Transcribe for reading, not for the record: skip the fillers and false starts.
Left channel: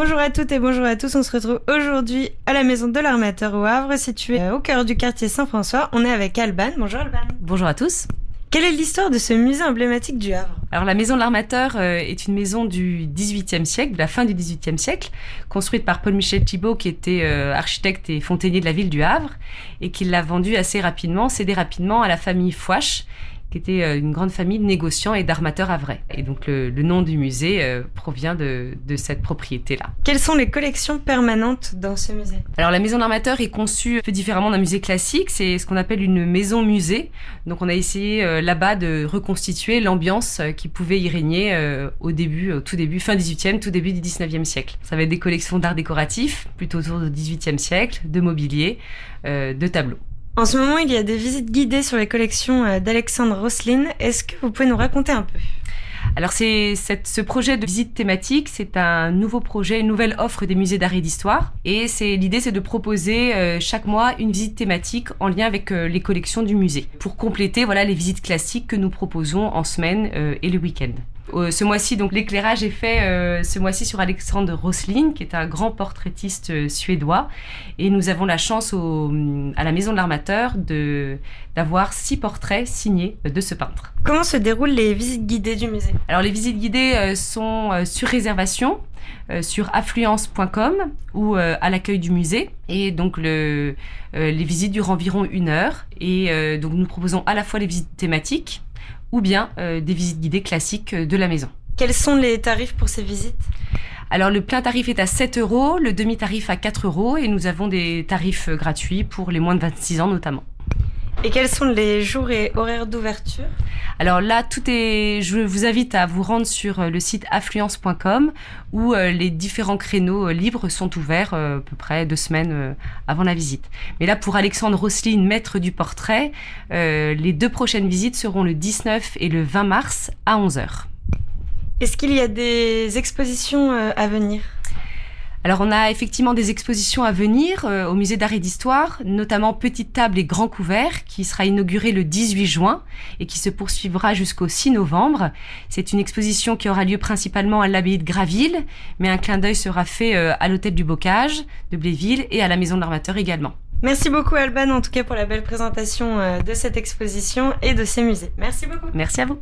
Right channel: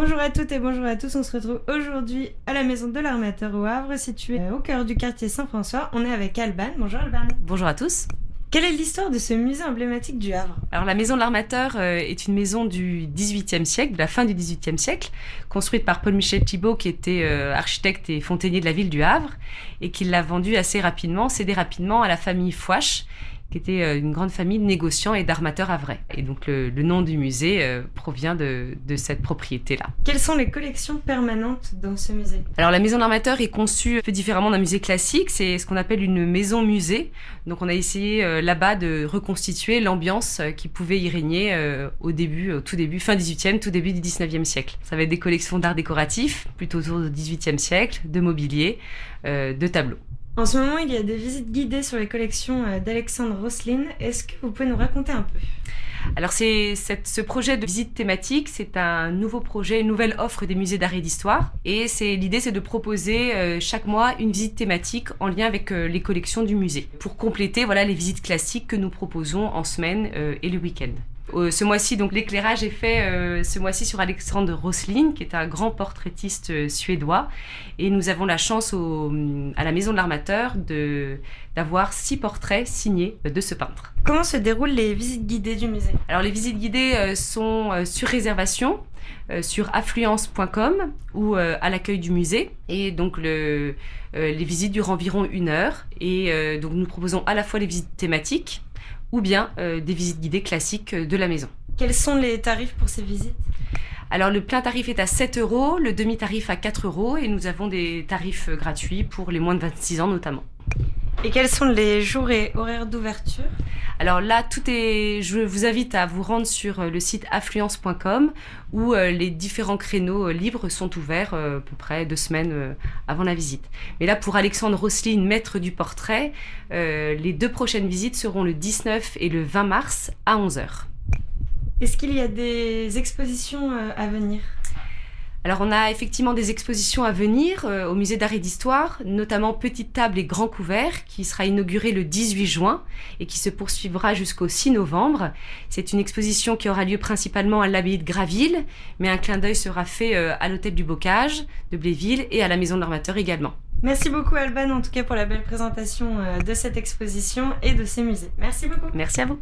Bonjour à toutes et bonjour à tous, on se retrouve aujourd'hui à la Maison de l'Armateur au Havre, située au cœur du quartier Saint-François. On est avec Alban. Bonjour Alban. Bonjour à tous. Quelle est l'histoire de ce musée emblématique du Havre ? Alors la Maison de l'Armateur est une maison du XVIIIe siècle, de la fin du XVIIIe siècle, construite par Paul-Michel Thibaut qui était architecte et fontainier de la ville du Havre et qui l'a vendue cédée rapidement à la famille Fouache, qui était une grande famille de négociants et d'armateurs havrais. Et donc le nom du musée provient de cette propriété-là. Quelles sont les collections permanentes dans ce musée ? Alors la Maison de l'Armateur est conçue un peu différemment d'un musée classique, c'est ce qu'on appelle une maison-musée. Donc on a essayé là-bas de reconstituer l'ambiance qui pouvait y régner au tout début, fin 18e, tout début du 19e siècle. Ça va être des collections d'art décoratif, plutôt autour du 18e siècle, de mobilier, de tableaux. En ce moment, il y a des visites guidées sur les collections d'Alexandre Rosselin. Est-ce que vous pouvez nous raconter un peu ? Alors ce projet de visite thématique, c'est un nouveau projet, une nouvelle offre des musées d'art et d'histoire. Et l'idée, c'est de proposer chaque mois une visite thématique en lien avec les collections du musée, pour compléter les visites classiques que nous proposons en semaine et le week-end. Ce mois-ci, donc, l'éclairage est fait ce mois-ci sur Alexandre Rosselin, qui est un grand portraitiste suédois. Et nous avons la chance à la Maison de l'Armateur d'avoir 6 portraits signés de ce peintre. Comment se déroulent les visites guidées du musée ? Alors les visites guidées sont sur réservation sur affluence.com ou à l'accueil du musée. Et donc les visites durent environ 1 heure. Et donc nous proposons à la fois les visites thématiques ou bien des visites guidées classiques de la maison. Quels sont les tarifs pour ces visites ? Alors le plein tarif est à 7 €, le demi-tarif à 4 € et nous avons des tarifs gratuits pour les moins de 26 ans notamment. Et quels sont les jours et horaires d'ouverture ? Alors là, je vous invite à vous rendre sur le site affluence.com où les différents créneaux libres sont ouverts à peu près 2 semaines avant la visite. Mais là, pour Alexandre Rosselin, maître du portrait, les 2 prochaines visites seront le 19 et le 20 mars à 11h. Est-ce qu'il y a des expositions à venir ? Alors on a effectivement des expositions à venir au musée d'art et d'histoire, notamment Petite table et grand couvert, qui sera inauguré le 18 juin et qui se poursuivra jusqu'au 6 novembre. C'est une exposition qui aura lieu principalement à l'abbaye de Graville, mais un clin d'œil sera fait à l'hôtel du Bocage de Bléville et à la Maison de l'Armateur également. Merci beaucoup Alban, en tout cas pour la belle présentation de cette exposition et de ces musées. Merci beaucoup. Merci à vous.